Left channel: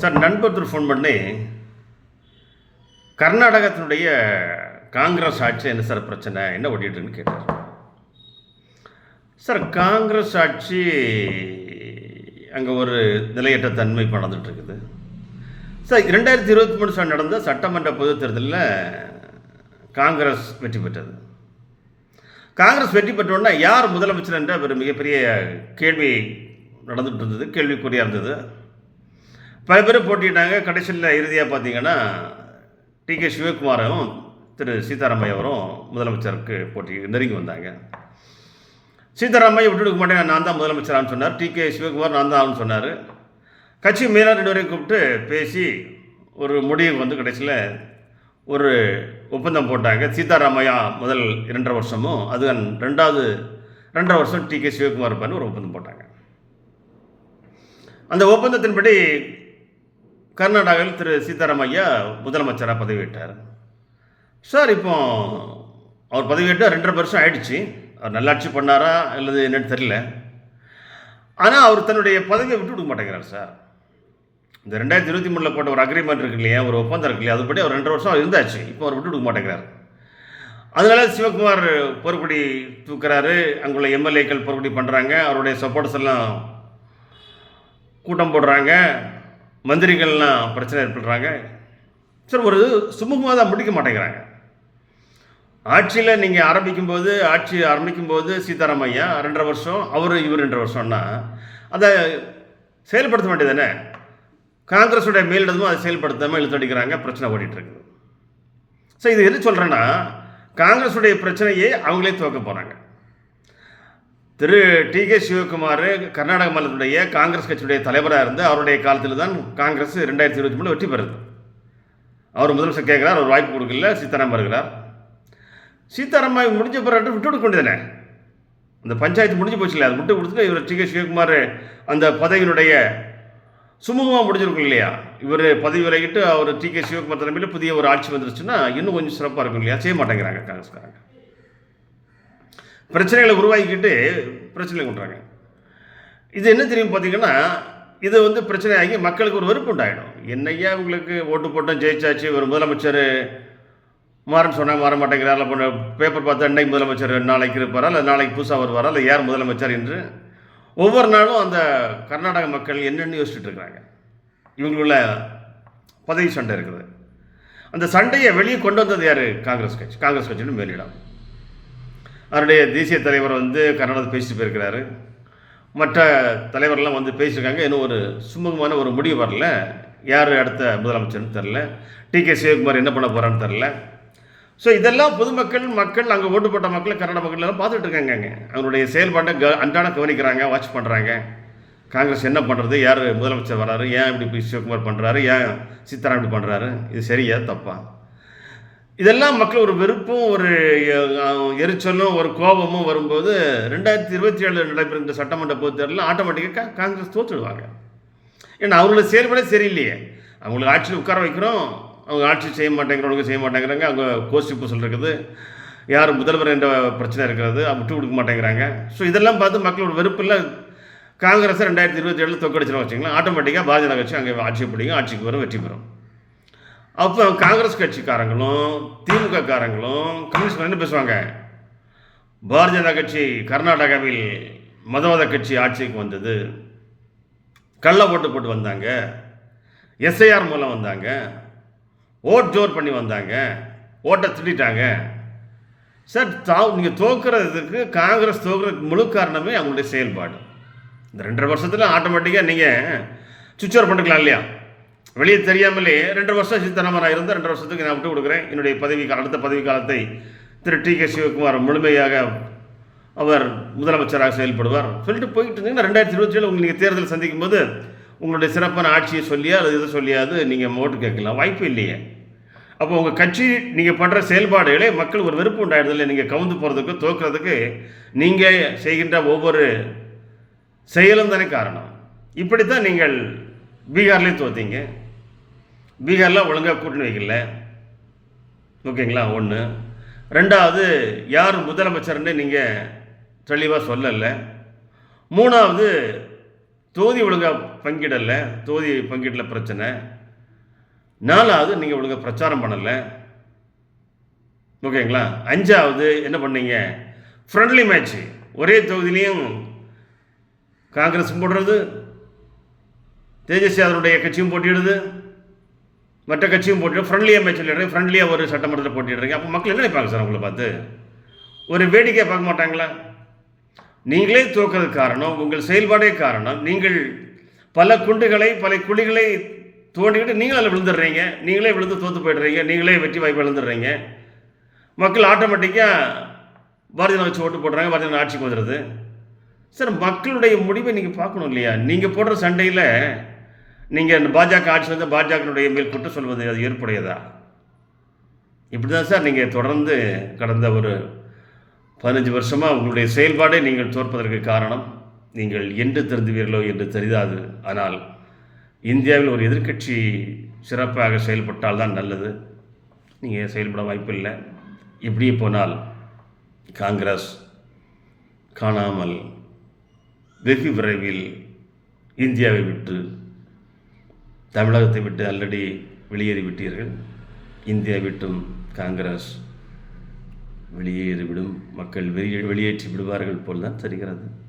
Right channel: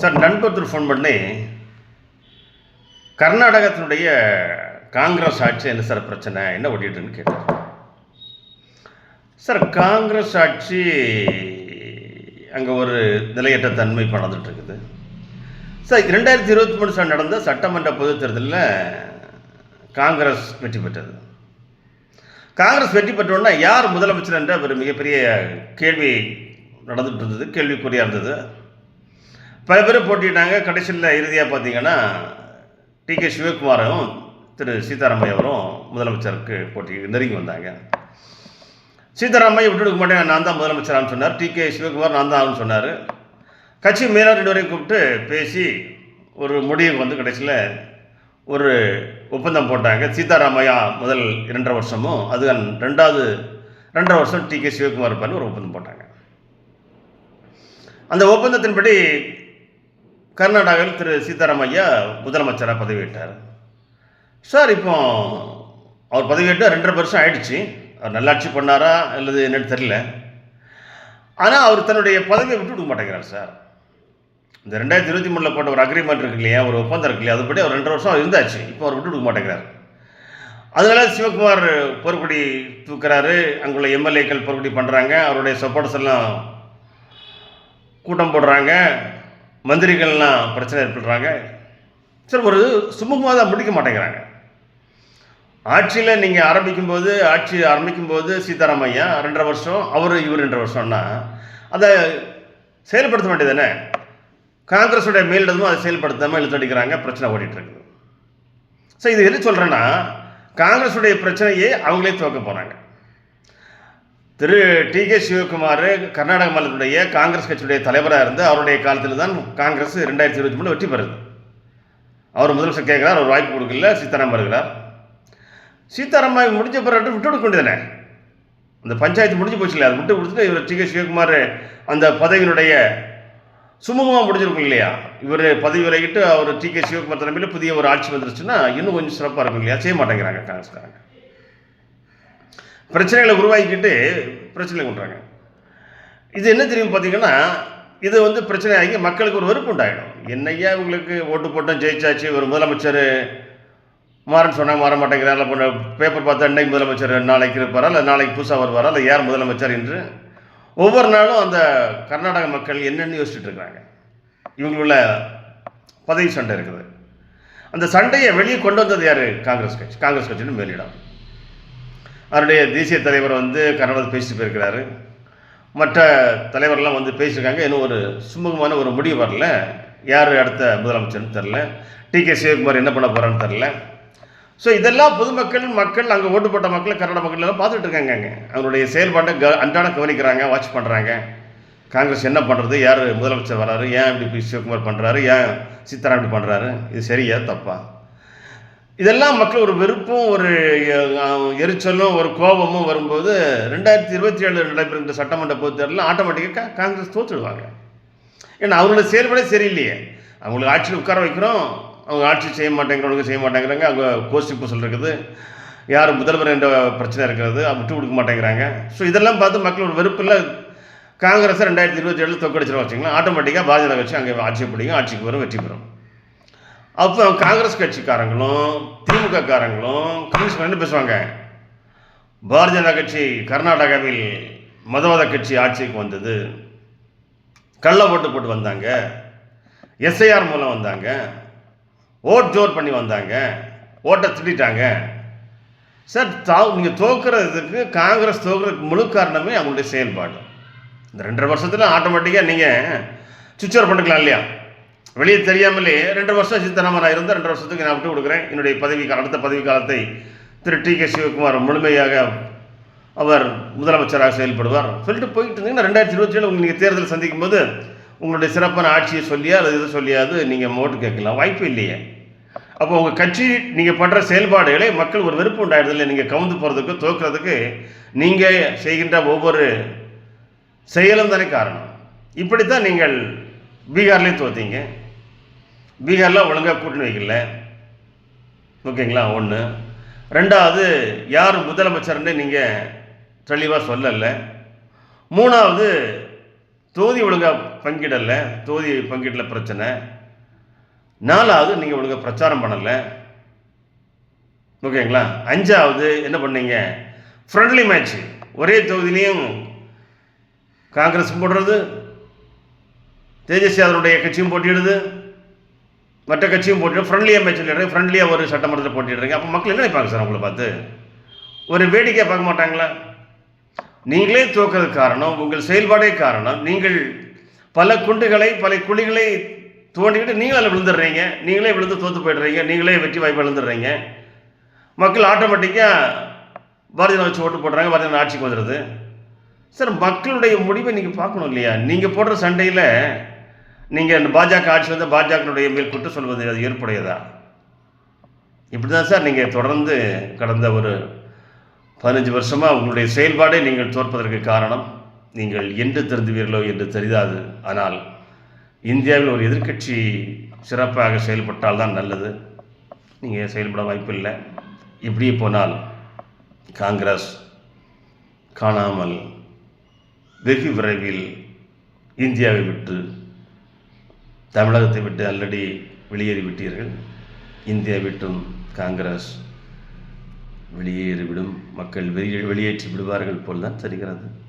Sir நண்பர் phone பண்ணி கர்நாடகத்தினுடைய காங்கிரஸ் ஆட்சி என்ன சார் பிரச்சனை? என்ன ஓட்டிட்டுன்னு கேட்டார். சார் காங்கிரஸ் ஆட்சி அங்கே ஒரு நிலையற்ற தன்மை இப்ப இருக்குது சார் ரெண்டாயிரத்தி இருபத்தி மூணு சார் நடந்த சட்டமன்ற பொதுத் தேர்தலில் காங்கிரஸ் வெற்றி பெற்றது. காங்கிரஸ் வெற்றி பெற்றோன்னா யார் முதலமைச்சர் என்ற ஒரு மிகப்பெரிய கேள்வி நடந்துகிட்டு இருந்தது கேள்விக்குறியாக இருந்தது. பல பேரும் போட்டிட்டாங்க கடைசியில் இறுதியாக பார்த்தீங்கன்னா டி கே சிவகுமாரும் திரு சீதாராமையா அவரும் முதலமைச்சருக்கு போட்டி நெருங்கி வந்தாங்க. சீதாராமையா விட்டுடுக்க மாட்டேன் நான் தான் முதலமைச்சரான்னு சொன்னார். டி கே சிவகுமார் நான் தான் சொன்னார். கட்சி மேலாளர் கூப்பிட்டு பேசி ஒரு முடிவுக்கு வந்து கடைசியில் ஒரு ஒப்பந்தம் போட்டாங்க. சீதாராமையா முதல் இரண்டரை வருஷமும் அது ரெண்டாவது ரெண்டரை வருஷம் டி கே சிவகுமார் இருப்பார்னு ஒரு ஒப்பந்தம் போட்டாங்க. அந்த ஒப்பந்தத்தின்படி கர்நாடகாவில் திரு சீதாராமையா முதலமைச்சராக பதவியிட்டார் சார் இப்போ அவர் பதவியிட்டால் ரெண்டரை வருஷம் ஆயிடுச்சு. அவர் நல்லாட்சி பண்ணாரா அல்லது என்னன்னு தெரியல. ஆனால் அவர் தன்னுடைய பதவியை விட்டு கொடுக்க மாட்டேங்கிறார் சார். இந்த ரெண்டாயிரத்தி இருபத்தி மூணில் போட்ட ஒரு அக்ரிமெண்ட் இருக்கு இல்லையா ஒரு ஒப்பந்தம் இருக்கு இல்லையா அதுபடி அவர் ரெண்டு வருஷம் அவர் இருந்தாச்சு. இப்போ அவர் விட்டு கொடுக்க மாட்டேங்கிறார். அதனால சிவகுமார் பொறுப்படி தூக்குறாரு. அங்குள்ள எம்எல்ஏக்கள் பொறுப்படி பண்ணுறாங்க அவருடைய சப்போர்ட்ஸ் எல்லாம் கூட்டம் போடுறாங்க. மந்திரிகள்லாம் பிரச்சனை ஏற்படுறாங்க. சரி ஒரு சுமூகமாக தான் முடிக்க மாட்டேங்கிறாங்க. ஆட்சியில் நீங்கள் ஆரம்பிக்கும் போது ஆட்சி ஆரம்பிக்கும் போது சீதாராமையா ரெண்டரை வருஷம் அவர் இவர் ரெண்டரை வருஷம்னா அதை செயல்படுத்த வேண்டியது தானே காங்கிரஸுடைய மேலிடமும் அதை செயல்படுத்தாமல் இழுத்தடிக்கிறாங்க பிரச்சனை ஓடிட்டு இருக்குது ஸோ இது எது சொல்கிறேன்னா காங்கிரஸுடைய பிரச்சனையே அவங்களே துவக்க போகிறாங்க திரு டி கே சிவகுமார் கர்நாடக மாநிலத்துடைய காங்கிரஸ் கட்சியுடைய தலைவராக இருந்து அவருடைய காலத்தில் தான் காங்கிரஸ் ரெண்டாயிரத்தி இருபத்தி மூணு வெற்றி பெறுது அவர் முதலமைச்சர் கேட்குறார் அவர் வாய்ப்பு கொடுக்கல சீதாராம் வருகிறார். சீதாராம் முடிஞ்ச பிறகு விட்டு கொடுக்க வேண்டியதானே அந்த பஞ்சாயத்து முடிஞ்சு போச்சு இல்லையா? விட்டு கொடுத்துட்டு இவர் டி கே சிவகுமார் அந்த பதவியினுடைய சுமூகமாக முடிஞ்சிருக்கும் இல்லையா? இவர் பதவி விலகிட்டு அவர் டி கே சிவகுமார் தலைமையில் புதிய ஒரு ஆட்சி வந்துருச்சுன்னா இன்னும் கொஞ்சம் சிறப்பாக இருக்கும் இல்லையா? செய்ய மாட்டேங்கிறாங்க காங்கிரஸ்காரங்க. பிரச்சனைகளை உருவாக்கிட்டு பிரச்சனை கொண்டுறாங்க. இது என்ன தெரியும் பார்த்தீங்கன்னா இது வந்து பிரச்சனை ஆகி மக்களுக்கு ஒரு வெறுப்பு உண்டாகிடும் என்னையா உங்களுக்கு ஓட்டு போட்டோம் ஜெயிச்சாச்சு ஒரு முதலமைச்சர் மாறன்னு சொன்னால் மாற மாட்டேங்கிறார் இல்லை பண்ண பேப்பர் பார்த்தா இன்னைக்கு முதலமைச்சர் நாளைக்கு இருப்பாரா இல்லை நாளைக்கு புதுசாக வருவாரா இல்லை யார் முதலமைச்சர் என்று ஒவ்வொரு நாளும் அந்த கர்நாடக மக்கள் என்னென்னு யோசிச்சுட்டு இருக்காங்க இவங்களுள்ள பதவி சண்டை இருக்குது. அந்த சண்டையை வெளியே கொண்டு வந்தது யார்? காங்கிரஸ் கட்சி. காங்கிரஸ் கட்சின்னு மேலிடம். அவருடைய தேசிய தலைவர் வந்து கர்நாடகத்தில் பேசிட்டு போயிருக்கிறாரு. மற்ற தலைவர்லாம் வந்து பேசியிருக்காங்க. இன்னும் ஒரு சுமூகமான ஒரு முடிவு வரல. யார் அடுத்த முதலமைச்சர்னு தெரில டி கே சிவகுமார் என்ன பண்ண போகிறான்னு தெரில ஸோ இதெல்லாம் பொதுமக்கள் மக்கள் அங்கே ஓட்டு போட்ட மக்கள் கன்னட மக்கள் எல்லாம் பார்த்துட்டு இருக்காங்க அவருடைய அவங்களுடைய செயல்பாட்டை க அன்றாட கவனிக்கிறாங்க வாட்ச் பண்ணுறாங்க காங்கிரஸ் என்ன பண்ணுறது யார் முதலமைச்சர் வராரு? ஏன் இப்படி பி சிவகுமார் பண்ணுறாரு ஏன் சீதாராம் இப்படி பண்ணுறாரு இது சரியா தப்பா? இதெல்லாம் மக்கள் ஒரு வெறுப்பும் ஒரு எரிச்சலும் ஒரு கோபமும் வரும்போது ரெண்டாயிரத்தி இருபத்தி ஏழு நடைபெறுகின்ற சட்டமன்ற பொதுத் தேர்தலில் ஆட்டோமேட்டிக்காக காங்கிரஸ் தோற்றுடுவாங்க. ஏன்னா அவங்களோட செயல்பாடே சரியில்லையே. அவங்களுக்கு ஆட்சியில் உட்கார வைக்கிறோம். அவங்க ஆட்சி செய்ய மாட்டேங்கிறவங்க செய்ய மாட்டேங்கிறாங்க அங்கே கோஷ்டி பூசல் இருக்குது. யார் முதல்வர் என்ற பிரச்சனை இருக்கிறது அதை விட்டு கொடுக்க மாட்டேங்கிறாங்க. ஸோ இதெல்லாம் பார்த்து மக்களோட வெறுப்பில் காங்கிரஸை ரெண்டாயிரத்தி இருபத்தி ஏழில் தோக்கடிச்சிடும் வச்சிங்களா ஆட்டோமேட்டிக்காக பாஜக வச்சு அங்கே ஆட்சி பிடிக்கும் ஆட்சிக்கு வரும் வெற்றி பெறும். அப்போ காங்கிரஸ் கட்சிக்காரங்களும் திமுக காரங்களும் கம்யூனிஸ்ட் ரெண்டு பேசுவாங்க. பாரதிய ஜனதா கட்சி கர்நாடகாவில் மதவாத கட்சி ஆட்சிக்கு வந்தது. கள்ள ஓட்டு போட்டு வந்தாங்க. எஸ்ஐஆர் மூலம் வந்தாங்க. ஓட் ஜோர் பண்ணி வந்தாங்க. ஓட்டை திட்டாங்க சார் தா நீங்கள் தோக்குறதுக்கு காங்கிரஸ் தோக்குறதுக்கு முழு காரணமே அவங்களுடைய செயல்பாடு. இந்த ரெண்டரை வருஷத்தில் ஆட்டோமேட்டிக்காக நீங்கள் சுவிட்ச் ஆஃப் பண்ணிக்கலாம் இல்லையா? வெளியே தெரியாமலே ரெண்டு வருஷம் சீதாராமன் நான் இருந்தால் ரெண்டு வருஷத்துக்கு நான் விட்டு கொடுக்குறேன். என்னுடைய பதவி அடுத்த பதவி காலத்தை திரு டி கே சிவகுமார் முழுமையாக அவர் முதலமைச்சராக செயல்படுவார். சொல்லிட்டு போயிட்டு இருந்தீங்கன்னா ரெண்டாயிரத்தி இருபத்தி ஏழு நீங்கள் தேர்தல் சந்திக்கும் போது உங்களுடைய சிறப்பான ஆட்சியை சொல்லியா அல்லது இது சொல்லியாது நீங்கள் ஓட்டு கேட்கலாம். வாய்ப்பு இல்லையே. அப்போ உங்கள் கட்சி நீங்கள் பண்ணுற செயல்பாடுகளை மக்கள் ஒரு வெறுப்பு உண்டாயிடுதில்லை நீங்கள் கவுந்து போகிறதுக்கு தோக்குறதுக்கு நீங்கள் செய்கின்ற ஒவ்வொரு செயலும் தானே காரணம். இப்படித்தான் நீங்கள் பீகார்லேயும் தோத்தீங்க. பீகாரில் ஒழுங்காக கூட்டணி வைக்கல. ஓகேங்களா? ஒன்று ரெண்டாவது யார் முதலமைச்சர்னு நீங்கள் தெளிவாக சொல்லலை. மூணாவது தொகுதி ஒழுங்காக பங்கிடலை. தொகுதி பங்கீட்டில் பிரச்சனை. நாலாவது நீங்கள் ஒழுங்காக பிரச்சாரம் பண்ணலை. ஓகேங்களா? அஞ்சாவது என்ன பண்ணீங்க? ஃப்ரெண்ட்லி மேட்ச் ஒரே தொகுதியிலையும் காங்கிரஸ் போடுறது தேஜஸ்வி அதனுடைய கட்சியும் போட்டியிடுது. மற்ற கட்சியும் போட்டு ஃப்ரெண்ட்லியாக மேட்ச் ஃப்ரெண்ட்லியாக ஒரு சட்டமன்றத்தை போட்டிடுறீங்க. அப்போ மக்கள் என்ன நினைப்பாங்க சார் உங்களை பார்த்து? ஒரு வேடிக்கையை பார்க்க மாட்டாங்களா? நீங்களே தோக்கிறது காரணம் உங்கள் செயல்பாடே காரணம். நீங்கள் பல குண்டுகளை பல குழிகளை தோண்டிக்கிட்டு நீங்களே விழுந்துடுறீங்க. நீங்களே விழுந்து தோற்று போயிடுறீங்க. நீங்களே வெற்றி வாய்ப்பு விழுந்துடுறீங்க மக்கள் ஆட்டோமேட்டிக்காக பாரதிய வச்சு ஓட்டு போடுறாங்க. பாரதிய ஆட்சிக்கு வந்துடுது. சார் மக்களுடைய முடிவை நீங்கள் பார்க்கணும் இல்லையா? நீங்கள் போடுற சண்டையில் நீங்கள் இந்த பாஜக ஆட்சி வந்து பாஜகனுடைய மேல் குற்றம் சொல்வது அது ஏற்புடையதா? இப்படி தான் சார் நீங்கள் தொடர்ந்து கடந்த ஒரு பதினஞ்சு வருஷமாக உங்களுடைய செயல்பாடே நீங்கள் தோற்பதற்கு காரணம். நீங்கள் என்று திருந்துவீர்களோ என்று தெரியாது. ஆனால் இந்தியாவில் ஒரு எதிர்க்கட்சி சிறப்பாக செயல்பட்டால் தான் நல்லது. நீங்கள் செயல்பட வாய்ப்பில்லை இப்படியே போனால் காங்கிரஸ் காணாமல் வெகு விரைவில் இந்தியாவை விட்டு தமிழகத்தை விட்டு ஆல்ரெடி வெளியேறி விட்டீர்கள். இந்தியா விட்டும் காங்கிரஸ் வெளியேறிவிடும். மக்கள் வெளியே வெளியேற்றி விடுவார்கள் போல் தான் தெரிகிறது.